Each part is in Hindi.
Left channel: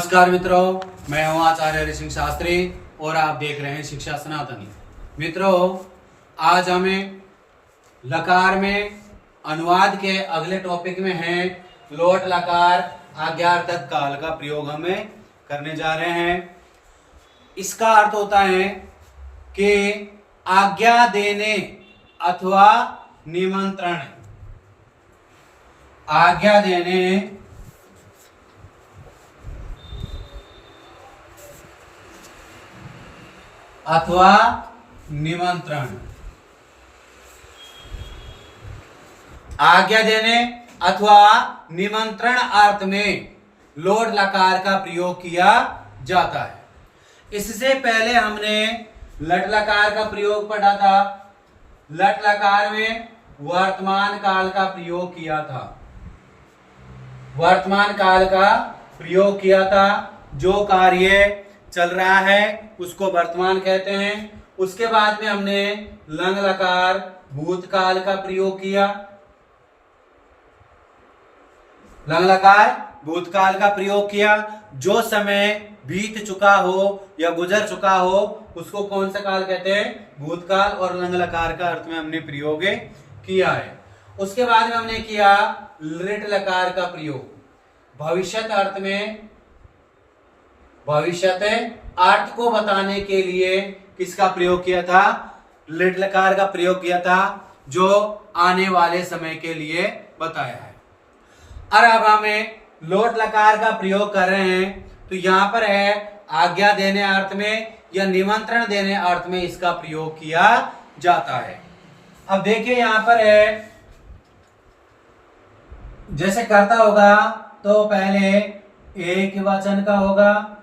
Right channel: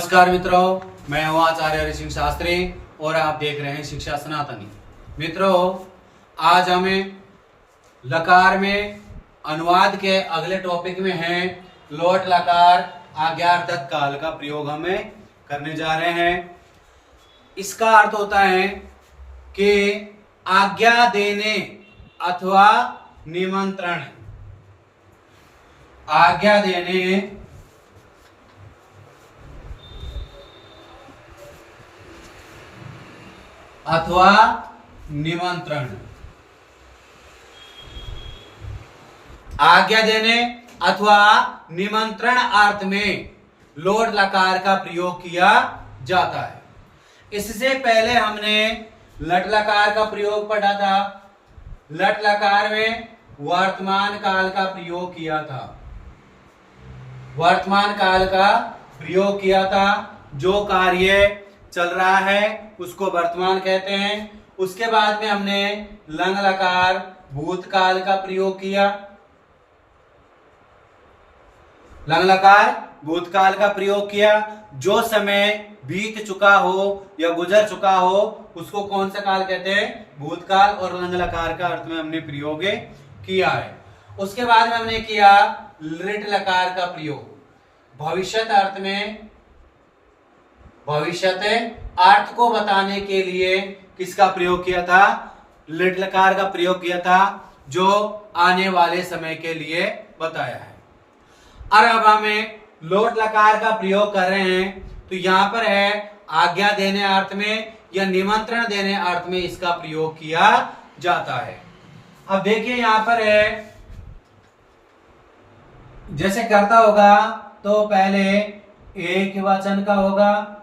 नमस्कार मित्रों, मैं हूं आचार्य हरि सिंह शास्त्री और आप देख रहे हैं शिक्षा सनातनी। मित्रों, आज हमें लकार में अनुवाद के अगले टॉपिक में हैं लोट लकार आज्ञार्थक काल का प्रयोग हमें करने जा रहे हैं। इसका अर्थ होता है कि आज्ञा देने अथवा निमंत्रण। आज्ञा देने अथवा निमंत्रण। आज्ञा देने अथवा निमंत्रण अर्थ में लोट लकार का प्रयोग किया जाता है। इससे पहले हमने लट लकार का प्रयोग पढ़ा था। लट लकार में वर्तमान काल का प्रयोग किया था। वर्तमान काल का प्रयोग किया था। जो कार्य चल रहा है उसको वर्तमान कहते हैं। उसके बाद में हमने लंग लकार भूतकाल का प्रयोग किया। लंग लकार भूतकाल का प्रयोग किया। जो समय बीत चुका हो या गुजर चुका हो उसको कौन सा काल कहते हैं? भूतकाल। और लंग लकार का अर्थ में हमने प्रयोग किया है। उसके बाद में हमने किया लिट लकार का प्रयोग। भविष्यत अर्थ में भविष्यत अर्थ को बताने के लिए किसका प्रयोग किया था? लिट लकार का प्रयोग किया था, जो आने वाले समय के लिए बताया है। और अब हमें लोट लकार का प्रयोग कर रहे हैं, तो यहां पर है आज्ञा देने अर्थ में या निमंत्रण देने अर्थ में इसका प्रयोग किया जाता है। अब देखिए यहां पर है, जैसे करता होगा तो पहले एक वचन का होगा,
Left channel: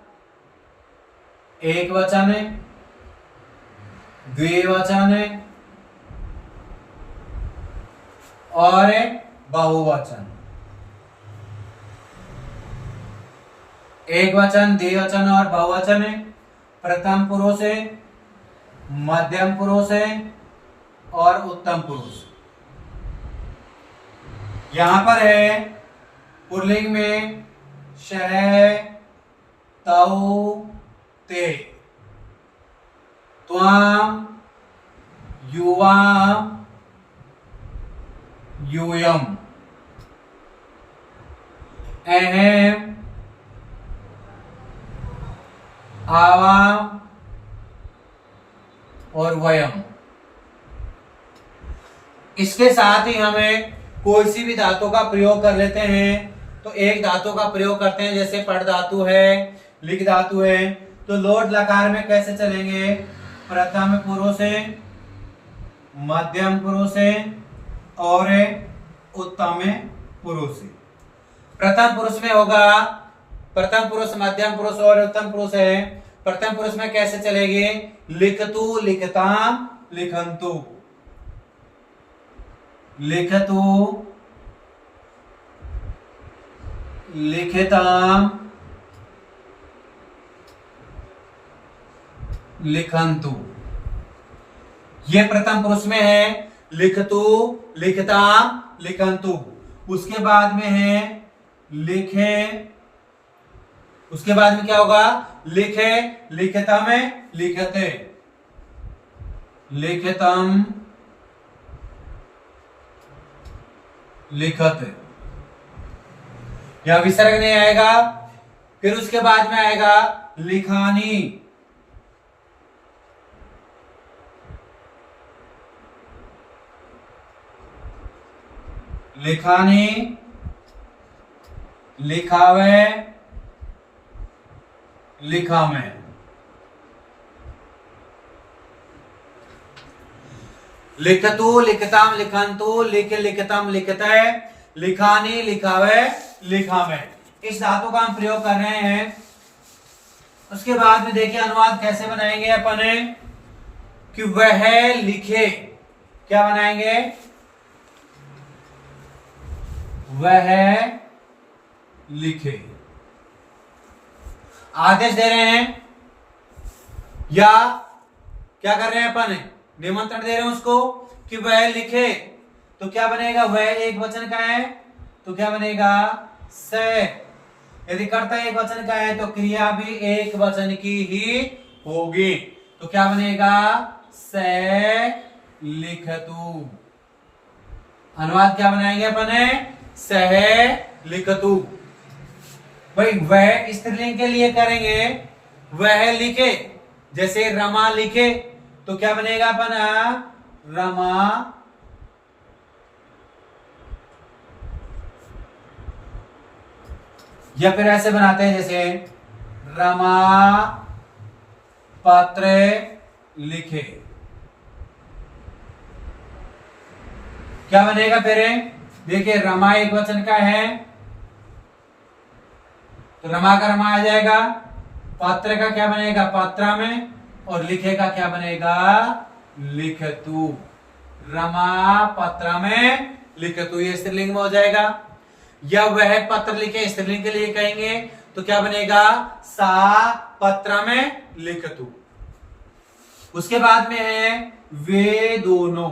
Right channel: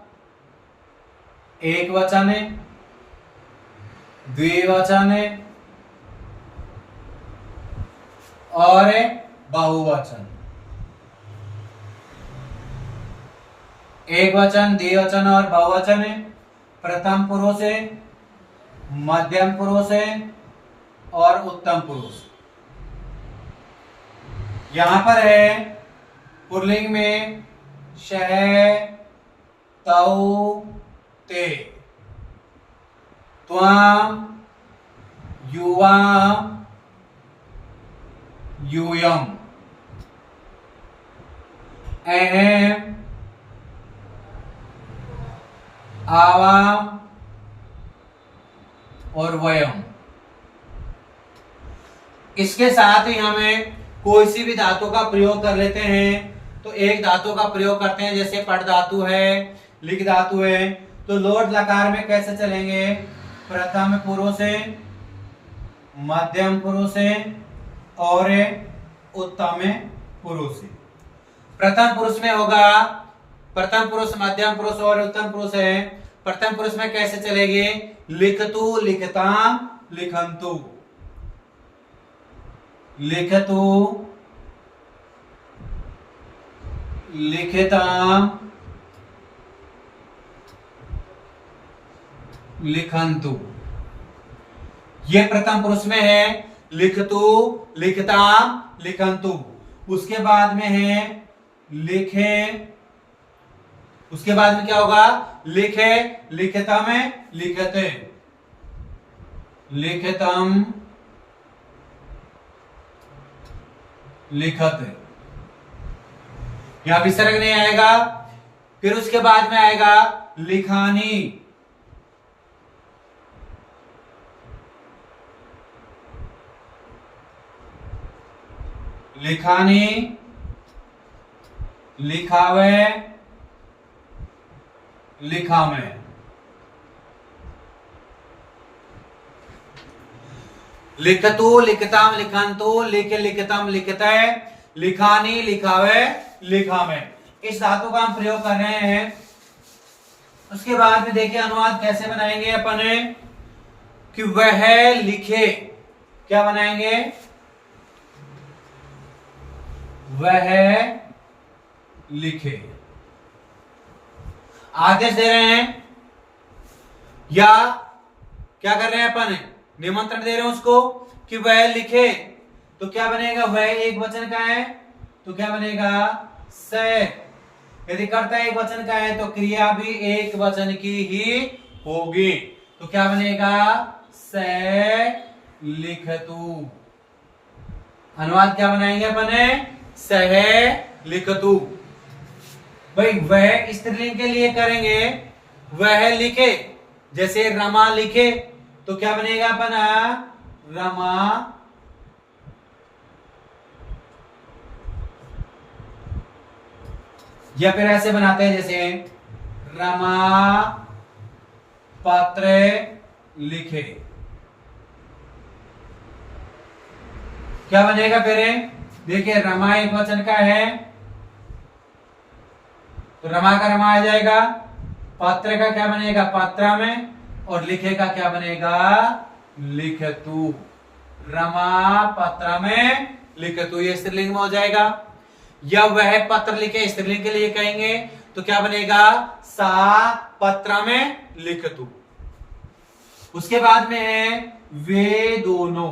एक वचन है, द्विवचन है और बहुवचन। एक वचन, द्विवचन और बहुवचन है। प्रथम पुरुष है, मध्यम पुरुष है और उत्तम पुरुष। यहां पर है पुल्लिंग में शह, तौ, ते, त्वाम, युवाम, यूयम, अहम, आवाम और वयम। इसके साथ ही हमें कोई सी भी धातु का प्रयोग कर लेते हैं। तो एक धातु का प्रयोग करते हैं, जैसे पड़ धातु है, लिख धातु है। तो लोट लकार में कैसे चलेंगे? प्रथम पुरुष है, मध्यम पुरुष है और उत्तम पुरुष है। प्रथम पुरुष में होगा प्रथम पुरुष, मध्यम पुरुष और उत्तम पुरुष है। प्रथम पुरुष में कैसे चलेगी? लिखतु, लिखताम, लिखंतु। लिखतु, लिखताम, लिखंतु। ये प्रथम पुरुष में है लिखतु, लिखताम, लिखंतु। उसके बाद में है लिखे। उसके बाद में क्या होगा? लिखे, लिखतम, लिखते, लिखतम, लिखते। यहां विसर्ग नहीं आएगा। फिर उसके बाद में आएगा लिखानी। लिखानी, लिखावे, लिखामे। लिखतु, लिखताम, लिखंतु, लिख, लिखतम, लिखते, लिखानी, लिखावे, लिखामे। इस धातु का हम प्रयोग कर रहे हैं। उसके बाद में देखिए अनुवाद कैसे बनाएंगे अपन, कि वह लिखे। क्या बनाएंगे? वह लिखे। आदेश दे रहे हैं या क्या कर रहे हैं अपन? निमंत्रण दे रहे हैं उसको कि वह लिखे। तो क्या बनेगा? वह एक वचन का है तो क्या बनेगा? स। यदि कर्ता एक वचन का है तो क्रिया भी एक वचन की ही होगी। तो क्या बनेगा? से लिखतु। अनुवाद क्या बनाएंगे अपन? सह लिखतु। भाई वह स्त्रीलिंग के लिए करेंगे, वह लिखे। जैसे रमा लिखे तो क्या बनेगा अपन? रमा या फिर ऐसे बनाते हैं जैसे रमा पत्र लिखे। क्या बनेगा फिर? देखिए रमा एक वचन का है तो रमा का रमा आ जाएगा। पत्र का क्या बनेगा? पत्रा में। और लिखे का क्या बनेगा? लिखतु। रमा पत्रा में लिखतु, ये स्त्रीलिंग में हो जाएगा। या वह पत्र लिखे, स्त्रीलिंग के लिए कहेंगे तो क्या बनेगा? सा पत्रा में लिखतु। उसके बाद में है वे दोनों।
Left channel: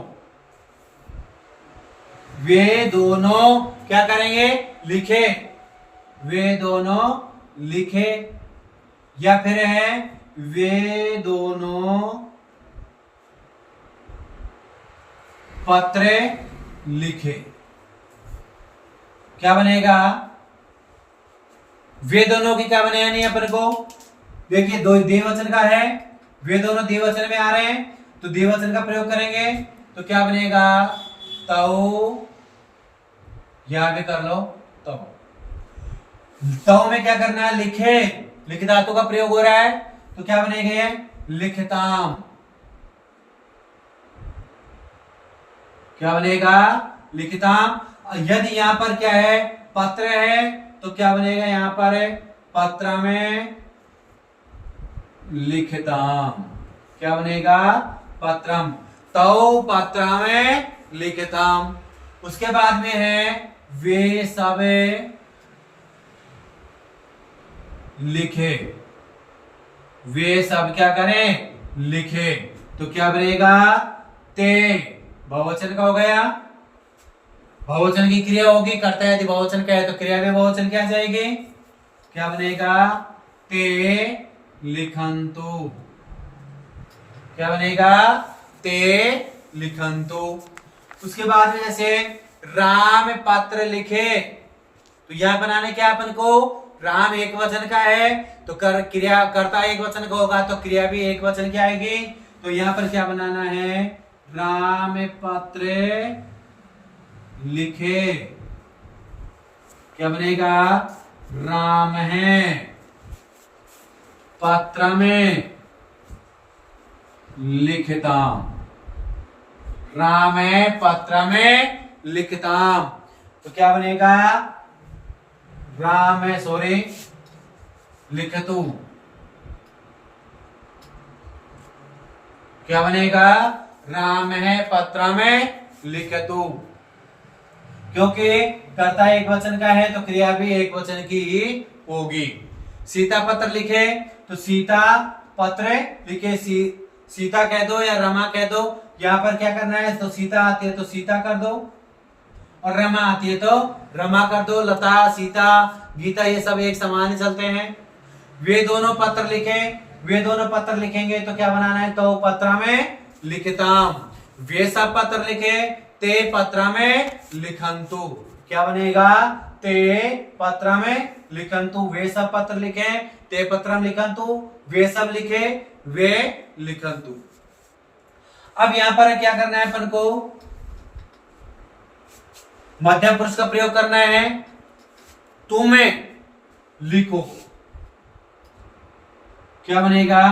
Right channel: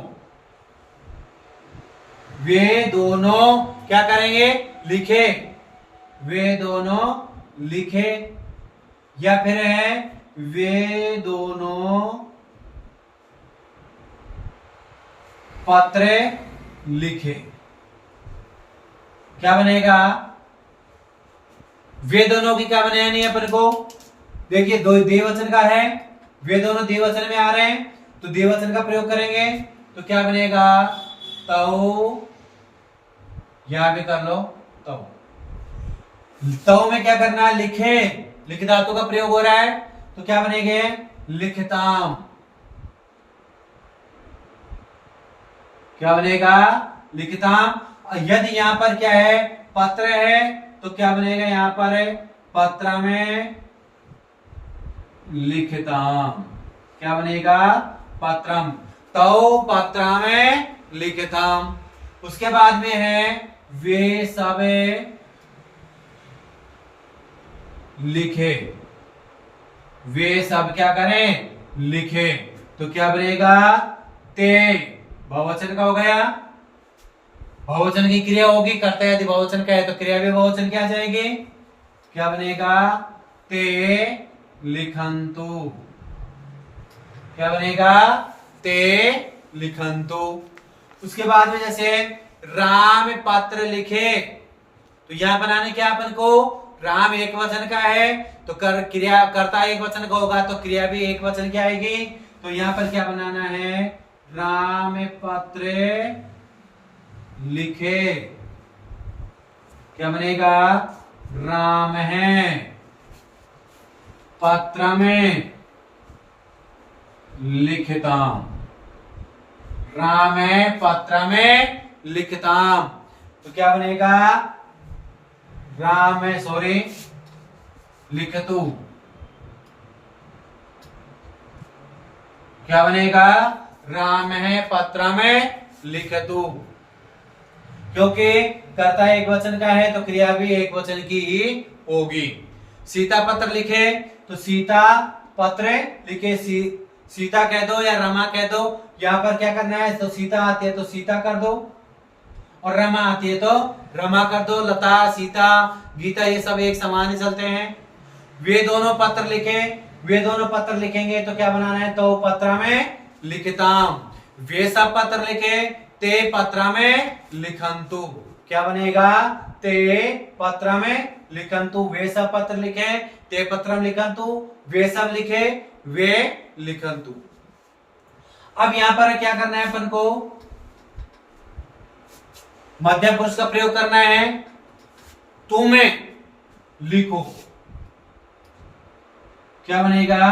वे दोनों क्या करेंगे? लिखे। वे दोनों लिखे। या फिर है वे दोनों पत्र लिखे। क्या बनेगा? वे दोनों की क्या बनेगा नहीं अपन को? देखिए दो द्विवचन का है, वे दोनों द्विवचन में आ रहे हैं तो द्विवचन का प्रयोग करेंगे तो क्या बनेगा? तौ। यहां भी कर लो तौ। तौ में क्या करना है? लिखे। लिख धातु का प्रयोग हो रहा है तो क्या बनेंगे? लिखताम। क्या बनेगा? लिखताम। यदि यहां पर क्या है? पत्र है तो क्या बनेगा? यहां पर पत्र में लिखताम। क्या बनेगा? पत्रम। तो पत्र में लिखताम। उसके बाद में है वे सब लिखे। वे सब क्या करें? लिखे। तो क्या बनेगा? ते। बहुवचन का हो गया। बहुवचन की क्रिया होगी, कर्ता यदि बहुवचन का है तो क्रिया भी बहुवचन की आ जाएगी। क्या बनेगा? ते लिखंतु। क्या बनेगा? ते लिखंतु। उसके बाद में जैसे राम पत्र लिखे तो यह बनाने क्या अपन को? राम एक वचन का है तो क्रिया कर्ता एक वचन का होगा तो क्रिया भी एक वचन की आएगी। तो यहां पर क्या बनाना है? राम पत्र लिखे। क्या बनेगा? राम है पत्र में लिखताम। राम है पत्र में लिखताम। तो क्या बनेगा? राम है सॉरी लिखतु। क्या बनेगा? राम है पत्र में लिखतु। क्योंकि कर्ता एक वचन का है तो क्रिया भी एक वचन की ही होगी। सीता पत्र लिखे तो सीता पत्र लिखे। सीता कह दो या रमा कह दो। यहां पर क्या करना है? तो सीता आती है तो सीता कर दो और रमा आती है तो रमा कर दो। लता, सीता, गीता ये सब एक समान ही चलते हैं। वे दोनों पत्र लिखे। वे दोनों पत्र लिखेंगे तो क्या बनाना है? तो पत्र में लिखताम। वे सब पत्र लिखे ते पत्र में लिखंतु। क्या बनेगा? ते पत्र में लिखंतु। वे सब पत्र लिखे ते पत्र में लिखंतु। वे सब लिखे वे लिखंतु। अब यहां पर क्या करना है अपन को? मध्यम पुरुष का प्रयोग करना है। तुम्हें लिखो। क्या बनेगा?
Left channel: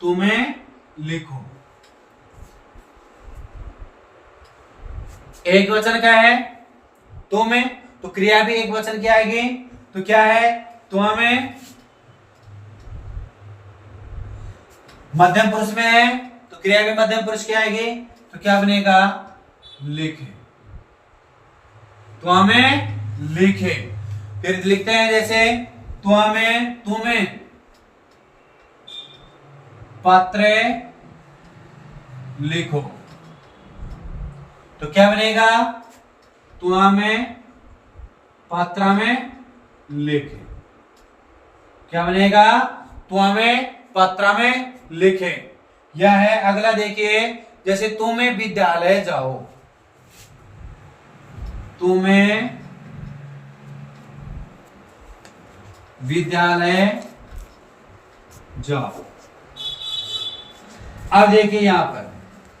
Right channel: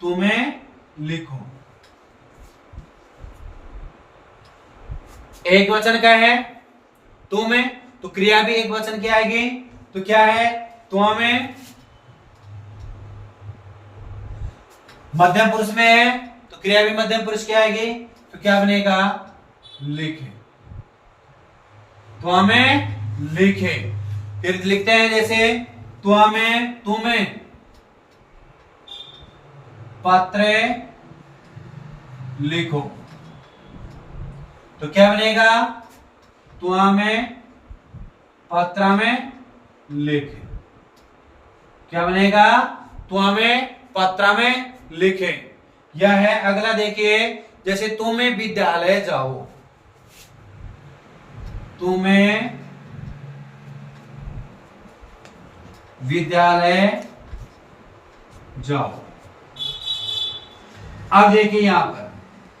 तुम्हें लिखो। एक वचन का है तुम्हें तो क्रिया भी एक वचन की आएगी। तो क्या है? तुम्हें। मध्यम पुरुष में है तो क्रिया भी मध्यम पुरुष की आएगी। तो क्या बनेगा? लिखे। तुम्हें लिखे। फिर लिखते हैं जैसे तुम्हें पत्र लिखो। तो क्या बनेगा? तुम्हें पत्र में लिखे। क्या बनेगा? त्वमें पत्र में लिखे। यह है। अगला देखिए, जैसे तुम्हें विद्यालय जाओ, तुम्हें विद्यालय जाओ। अब देखिए यहां पर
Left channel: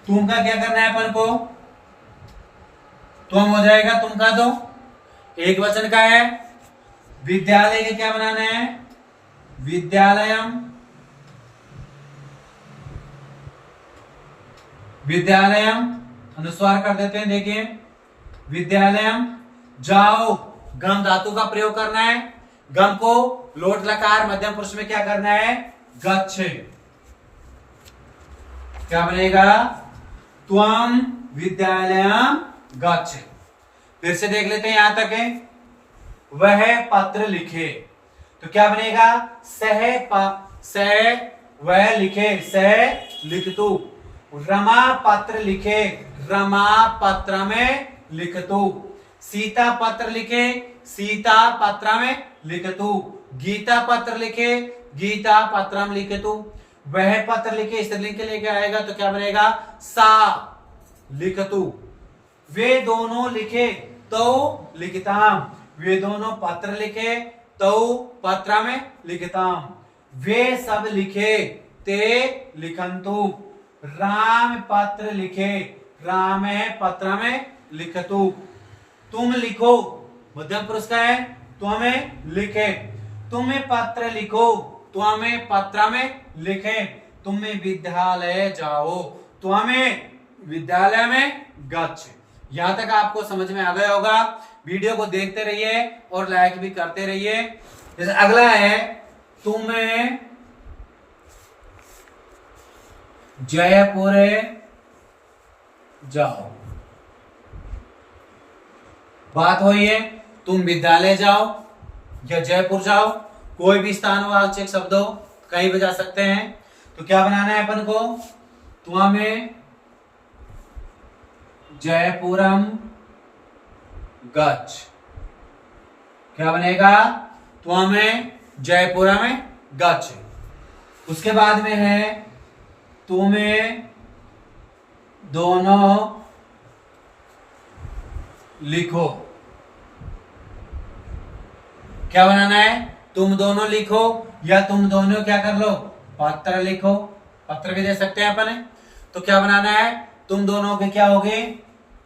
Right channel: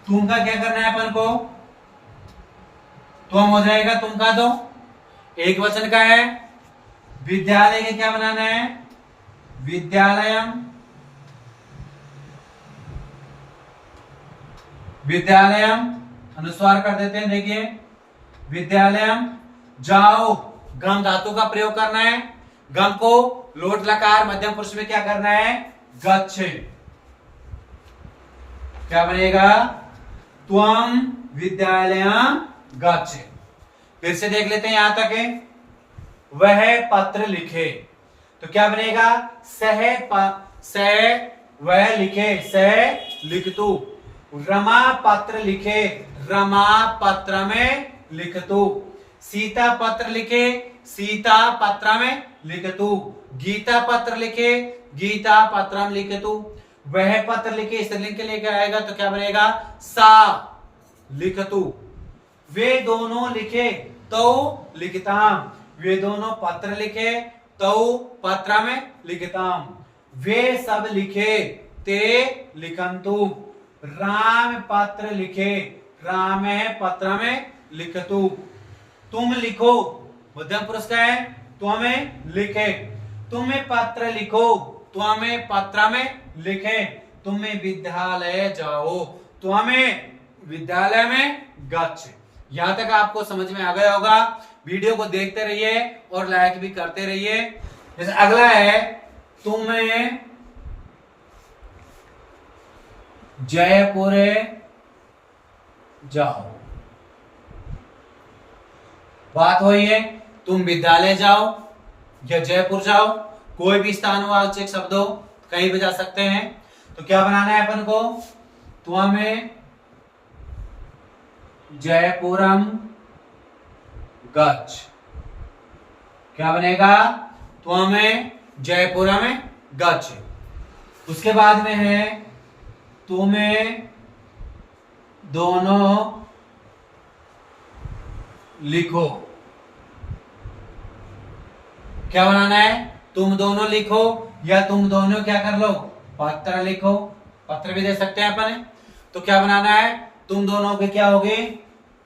तुम का क्या करना है अपन को? तुम हो जाएगा तुम का, तो एक वचन का है। विद्यालय के क्या बनाना है? विद्यालयम। विद्यालयम अनुस्वार कर देते हैं। देखिए विद्यालयम। जाओ, गम धातु का प्रयोग करना है। गम को लोट लकार मध्यम पुरुष में क्या करना है? गच्छ। क्या बनेगा? त्वम विद्यालयम गच्छ। फिर से देख लेते हैं यहां तक है। वह पत्र लिखे, तो क्या बनेगा? वह लिखे, सह लिखतु। रमा पत्र लिखे, रमा पत्र में लिखतु। सीता पत्र लिखे, सीता पत्र में लिखतु। गीता पत्र लिखे, गीता पत्र में लिखतु। वह पत्र लिखे, स्त्रीलिंग के लेके आएगा तो क्या बनेगा? सा लिखतु। वे दोनों लिखे, तो लिखताम। वे दोनों पत्र लिखे, तो पत्र में लिखताम। वे सब लिखे, ते लिखंतु। राम पत्र लिखे, राम पत्र में लिखतु। तुम लिखो, मध्यम पुरुष का है, तुम्हें लिखे। तुम्हें पत्र लिखो, तुम्हें पत्र में लिखे। तुम्हें विद्यालय जाओ, तुम्हें विद्यालय में गच्छ। यहां तक आपको समझ में आ गया होगा। वीडियो को देखते रहिए और लाइक भी करते रहिए। जैसे अगला है, तुम्हें जयपुर जाओ। बात हुई है, तुम विद्यालय जाओ या जयपुर जाओ, कोई भी स्थानवाचक शब्द हो, कहीं भी जा सकते हैं। तो क्या बनाना है अपन को? तुम्हें जयपुरम गच्छ। क्या बनेगा? तुम्हें जयपुरम गच्छ। उसके बाद में है, तुम्हें दोनों लिखो। क्या बनाना है? तुम दोनों लिखो या तुम दोनों क्या कर लो? पत्र लिखो। पत्र भी दे सकते हैं अपन। तो क्या बनाना है? तुम दोनों के क्या होगे?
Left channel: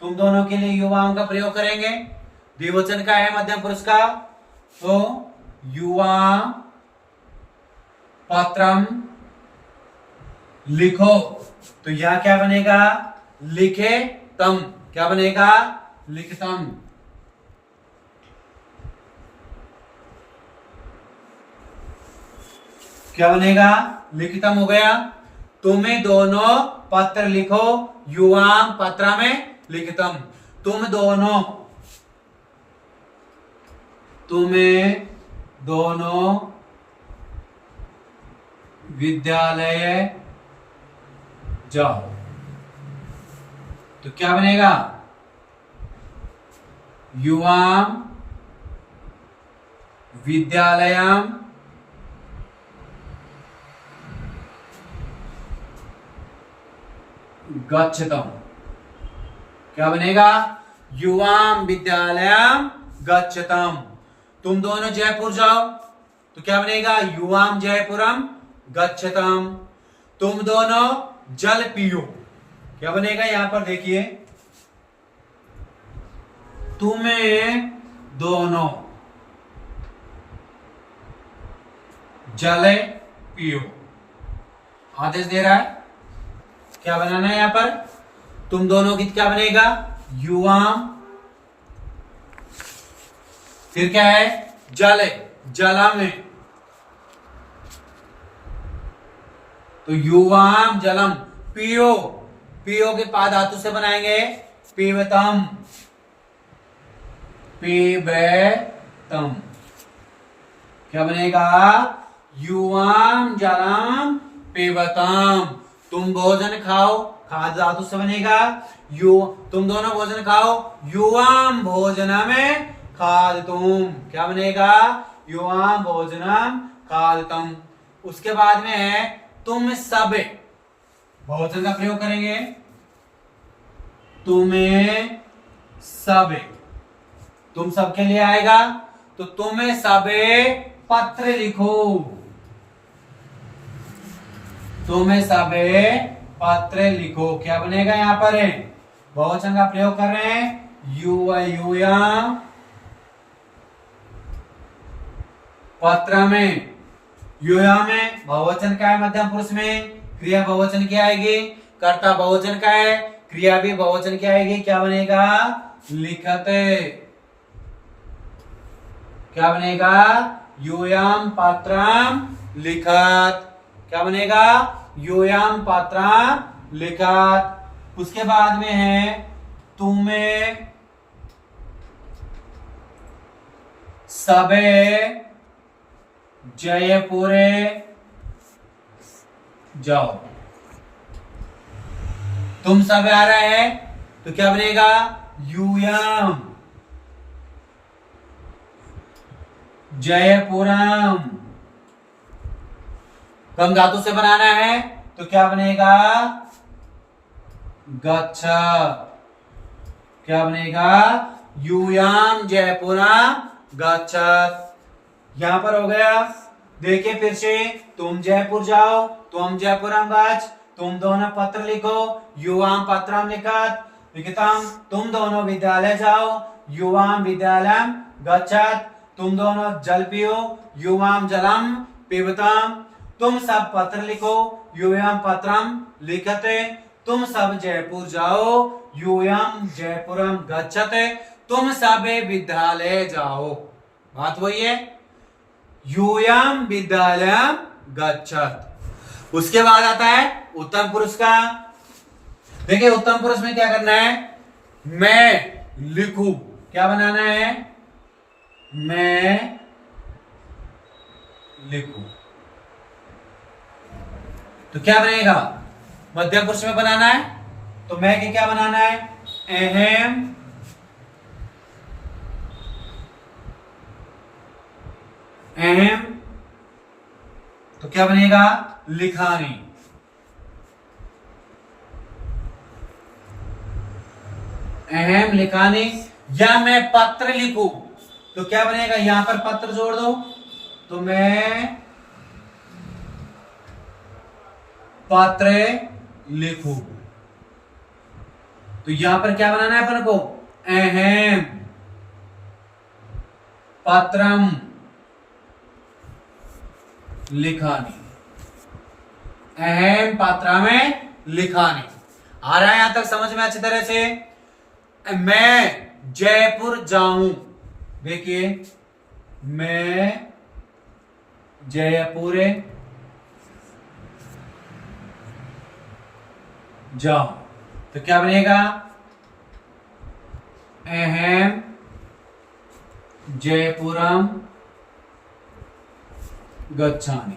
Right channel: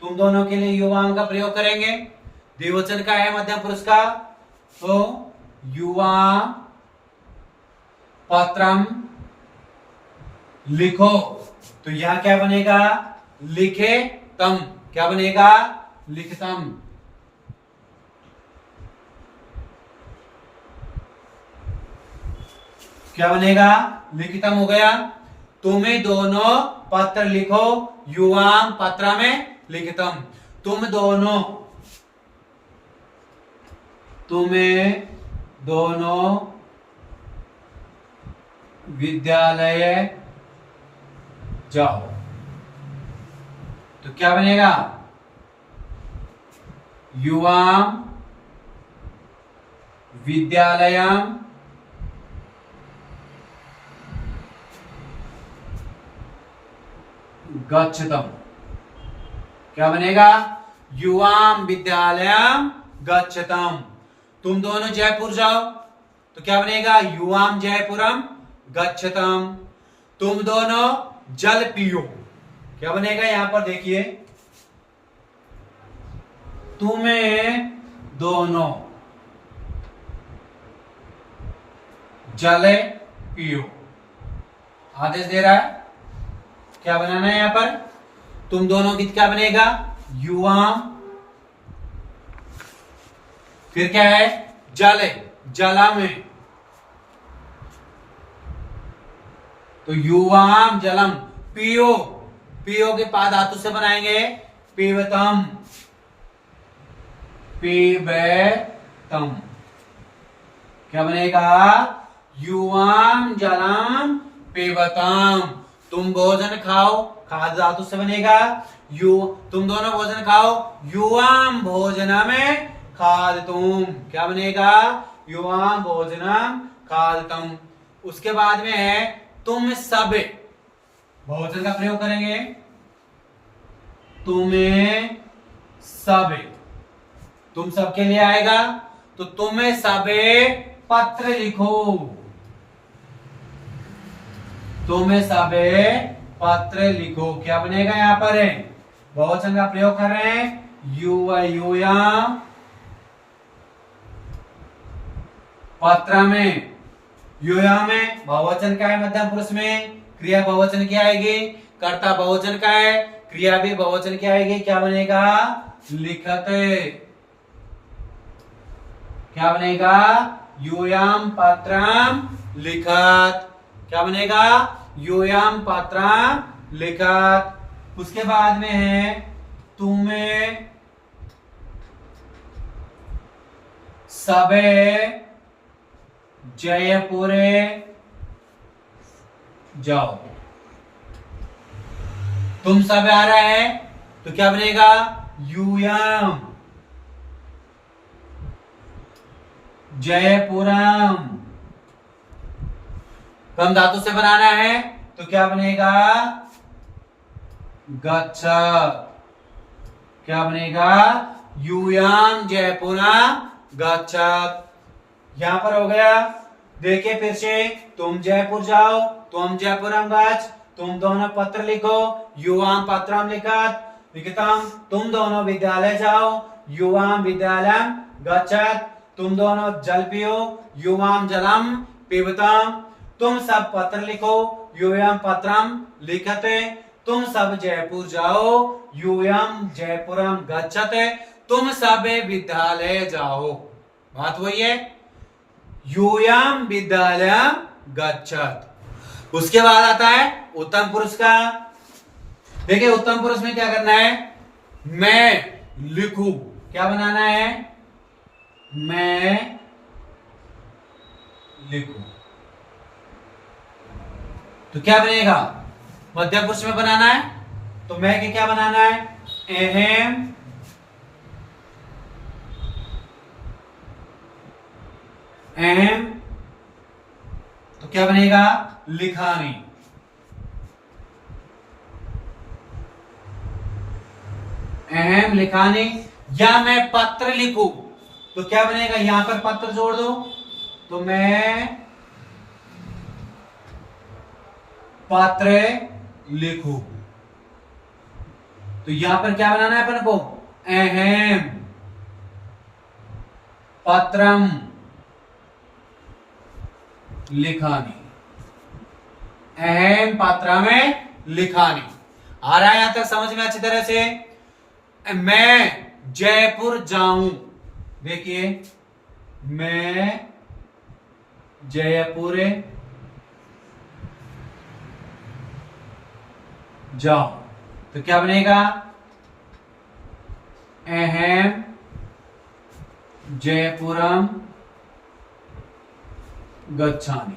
तुम दोनों के लिए युवाओं का प्रयोग करेंगे। द्विवचन का है मध्यम पुरुष का, तो युवा पत्रम लिखो। तो यहां क्या बनेगा? लिखे तम। क्या बनेगा? लिखतम। क्या बनेगा? लिखतम हो गया। तुम्हें दोनों पत्र लिखो, युवाम पत्र में लिखतम। तुम्हें दोनों विद्यालय जाओ। तो क्या बनेगा? युवाम विद्यालयम गच्छतम। क्या बनेगा? युवाम विद्यालयम गच्छतम। तुम दोनों जयपुर जाओ, तो क्या बनेगा? युवाम जयपुरम गच्छतम। तुम दोनों जल पियो। क्या बनेगा? यहां पर देखिए, तुम्हें दोनों जल पियो। आदेश दे रहा है। क्या बनाना है यहां पर? तुम दोनों की क्या बनेगा? युवाम, फिर क्या है? जल, जला में, तो युवाम जलम। पियो, पियो के पा धातु से बनाएंगे पीवतम, पीवतम। क्या बनेगा? युवाम जलम पीवतम। तुम भोजन खाओ, खाद धातु से बनेगा तुम दोनों भोजन खाओ, युवाम भोजनम खाद तुम। क्या बनेगा? युवाम भोजनम खादितम। उसके बाद में है तुम सब, बहुवचन का प्रयोग करेंगे, तुम्हें सब, तुम सब के लिए आएगा तो तुम्हें सबे पत्र लिखो, तुम्हें सबे पत्र लिखो। क्या बनेगा यहां पर है, बहुवचन का प्रयोग कर रहे हैं, यूयाम पत्र में, यूयाम में बहुवचन का है, मध्यम पुरुष में क्रिया बहुवचन की आएगी, कर्ता बहुवचन का है, क्रिया भी बहुवचन की आएगी। क्या बनेगा, लिखते। क्या बनेगा, यूयाम पात्रम लिखत। क्या बनेगा, यूयाम पात्रम लिखत। उसके बाद में है तुम्हें सबे जयपुरे जाओ। तुम सब आ रहा है तो क्या बनेगा, यूयम जयपुरम। कम धातु से बनाना है तो क्या बनेगा, गच्छत। क्या बनेगा, यूयम जयपुरम गच्छत। यहां पर हो गया। देखिए फिर से, तुम जयपुर जाओ, तुम जयपुरम गच्छ, तुम दोनों पत्र लिखो, युवाम पत्रम लिखत, लिखितम। तुम दोनों विद्यालय जाओ, युवाम विद्यालयम गच्छत। तुम दोनों जल पियो, युवाम जलम पिबतम। तुम सब पत्र लिखो, युवाम पत्रम लिखते। तुम सब जयपुर जाओ, युवाम जयपुरम गच्छते। तुम सब विद्यालय जाओ। बात वही है, यूयम विद्यालयम गच्छत। उसके बाद आता है उत्तम पुरुष का। देखिए उत्तम पुरुष में क्या करना है, मैं लिखूं। क्या बनाना है, मैं लिखूं। तो क्या बनेगा, मध्यम पुरुष में बनाना है तो मैं के क्या बनाना है, अहम अहम। तो क्या बनेगा, लिखानी। अहम लिखानी। या मैं पत्र लिखूं तो क्या बनेगा, यहां पर पत्र जोड़ दो तो मैं पत्र लिखूं। तो यहां पर क्या बनाना है अपन को, अहम पत्रम लिखानी। अहम पात्रा में लिखानी। आ रहा है यहां तक समझ में अच्छी तरह से। मैं जयपुर जाऊं, देखिए मैं जयपुर जाऊं तो क्या बनेगा, अहम जयपुरम गच्छामि।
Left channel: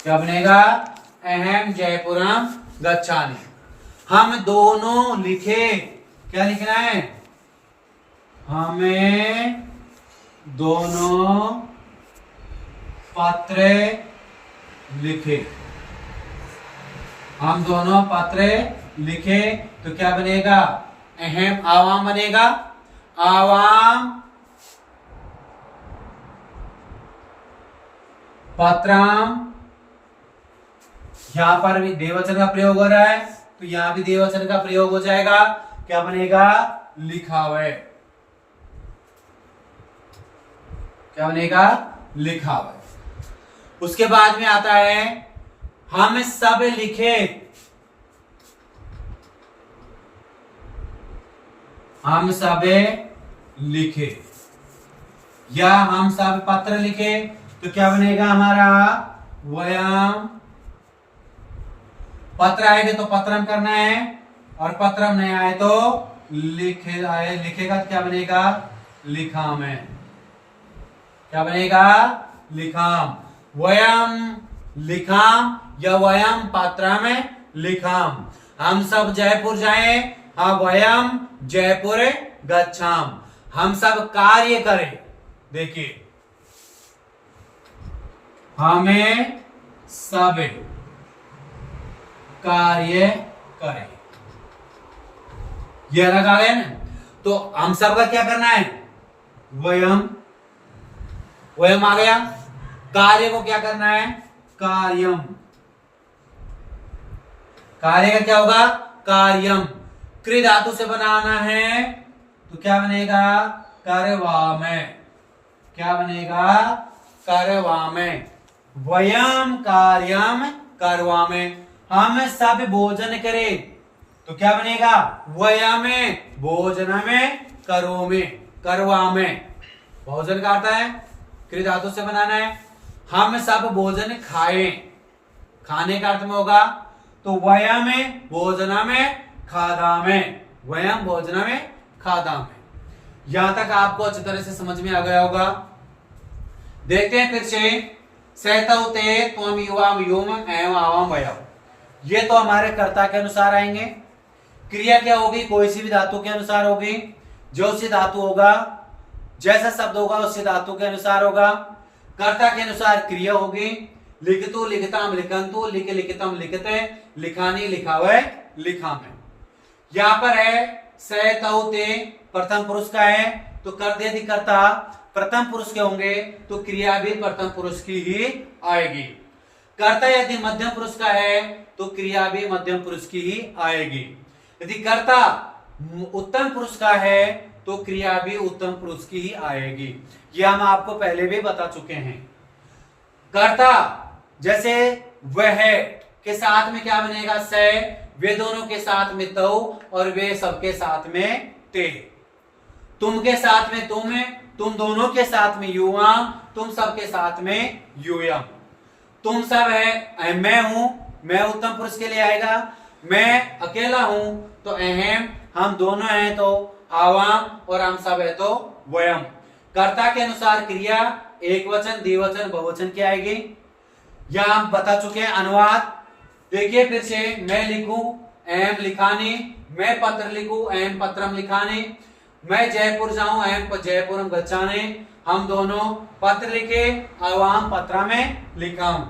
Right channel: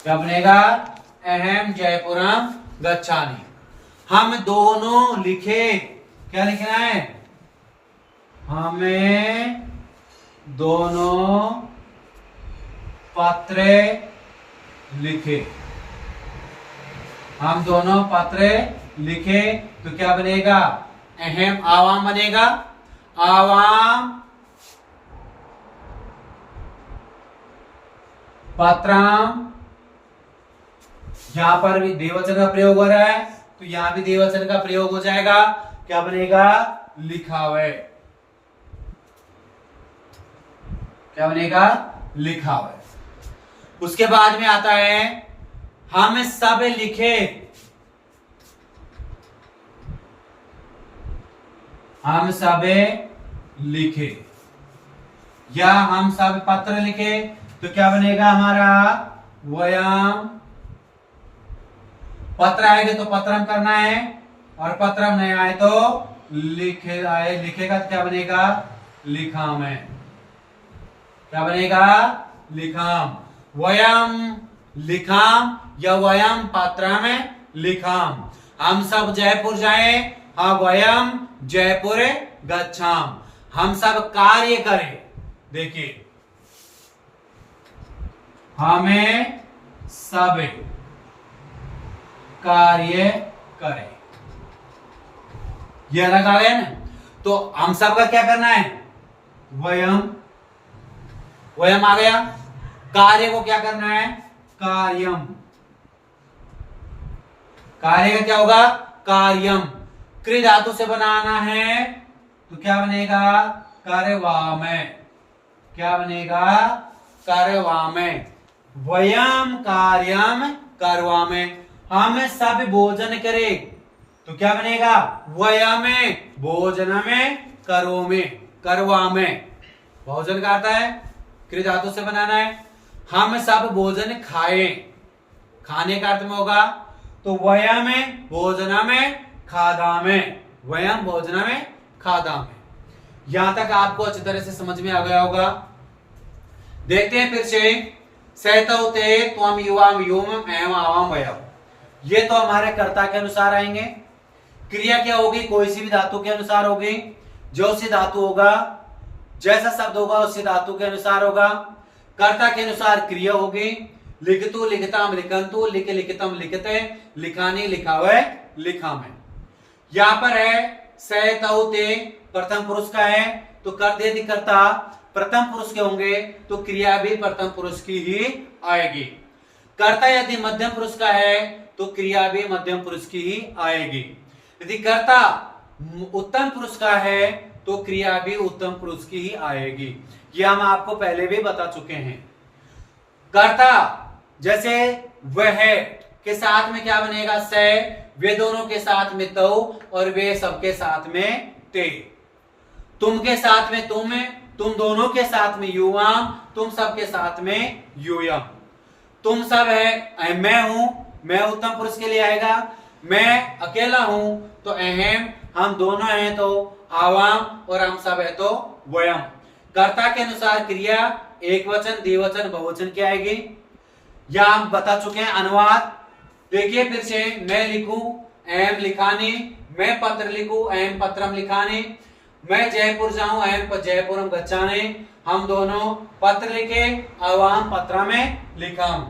क्या बनेगा, अहम जयपुरम गच्छामि। हम दोनों लिखे, क्या लिखना है, हमें दोनों पत्र लिखे। हम दोनों पत्र लिखे तो क्या बनेगा, अहम आवाम बनेगा। आवाम पात्राम। यहां पर भी देववचन का प्रयोग हो रहा है तो यहां भी देववचन का प्रयोग हो जाएगा। क्या बनेगा, लिखावे। क्या बनेगा, लिखावे। उसके बाद में आता है हम सब लिखे। हम सब लिखे या हम सब पत्र लिखे तो क्या बनेगा हमारा, वयम। पत्र आएंगे तो पत्रम करना है और पत्रम नहीं आए तो लिखे आए, लिखेगा तो क्या बनेगा, लिखाम है। क्या बनेगा, लिखाम। वयम लिखाम या वयम पात्रा में लिखाम। हम सब जयपुर जाए, हाँ वयम जयपुर गच्छाम। हम सब कार्य करें। देखिए हमें सब कार्य करें। ये अलग आ गया ना। तो हम सब का क्या करना है, वयम, वयम आ गया। कार्य को क्या करना है, कार्यम। कार्य का क्या होगा, कार्यम। क्रि धातु से बनाना है तो क्या बनेगा, कार्यवामय। क्या बनेगा, कार्यवामय। वयम कार्यम करवामय। हम सब भोजन करें तो क्या बनेगा, वयमे भोजनमे करोमे करवामे। भोजन का अर्थ है क्रि धातु से बनाना है। हम सब भोजन खाएं, खाने का अर्थ में होगा तो वयमे भोजनमे खादामे, वयम भोजनमे खादामे। यहां तक आपको अच्छी तरह से समझ में आ गया होगा। देखते हैं फिर से, सहतौते त्वम युवाम योमम एवं आवाम वयम। ये तो हमारे कर्ता के अनुसार आएंगे। क्रिया क्या होगी, कोई सी भी धातु के अनुसार होगी। जो सी धातु होगा, जैसा शब्द होगा उसी धातु के अनुसार होगा। कर्ता के अनुसार क्रिया होगी। लिखतु लिखताम लिखंतु, लिख लिखतम लिखते, लिखानी लिखावे लिखामे। यहां पर है सहतौते प्रथम पुरुष का है तो कर दे कर्ता प्रथम पुरुष के होंगे तो क्रिया भी प्रथम पुरुष की ही आएगी। कर्ता यदि मध्यम पुरुष का है तो क्रिया भी मध्यम पुरुष की ही आएगी। यदि कर्ता उत्तम पुरुष का है तो क्रिया भी उत्तम पुरुष की ही आएगी। यह हम आपको पहले भी बता चुके हैं। कर्ता जैसे वह के साथ में क्या बनेगा, से, वे दोनों के साथ में तो, और वे सबके साथ में ते। तुम के साथ में तुम दोनों के साथ में युवाम, तुम सबके साथ में यूयम। तुम सब है मैं हूं, मैं उत्तम पुरुष के लिए आएगा। मैं अकेला हूं तो अहम, हम दोनों हैं तो आवाम, और हम सब है तो वयम। कर्ता के अनुसार क्रिया एक वचन, द्विवचन, बहुवचन की आएगी। यह हम बता चुके हैं। अनुवाद देखिए फिर से, मैं लिखूं एम लिखानी, मैं पत्र लिखूं एम पत्रम लिखानी, मैं जयपुर जाऊं एम जयपुरम गच्छाने। हम दोनों पत्र लिखे, आवाम पत्र में लिखाऊं।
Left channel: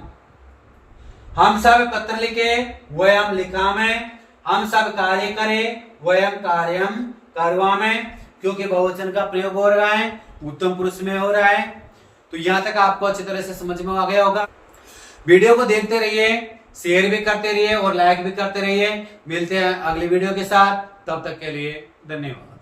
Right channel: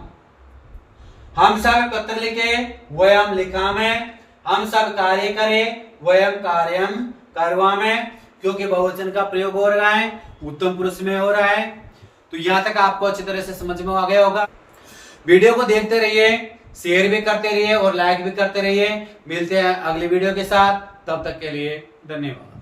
हम सब पत्र लिखे, वयम लिखा में। हम सब कार्य करें, वयम कार्यम करवा में। क्योंकि बहुवचन का प्रयोग हो रहा है, उत्तम पुरुष में हो रहा है। तो यहां तक आपको अच्छी तरह से समझ में आ गया होगा। वीडियो को देखते रहिए, शेयर भी करते रहिए और लाइक भी करते रहिए। मिलते हैं अगली वीडियो के साथ, तब तक के लिए धन्यवाद।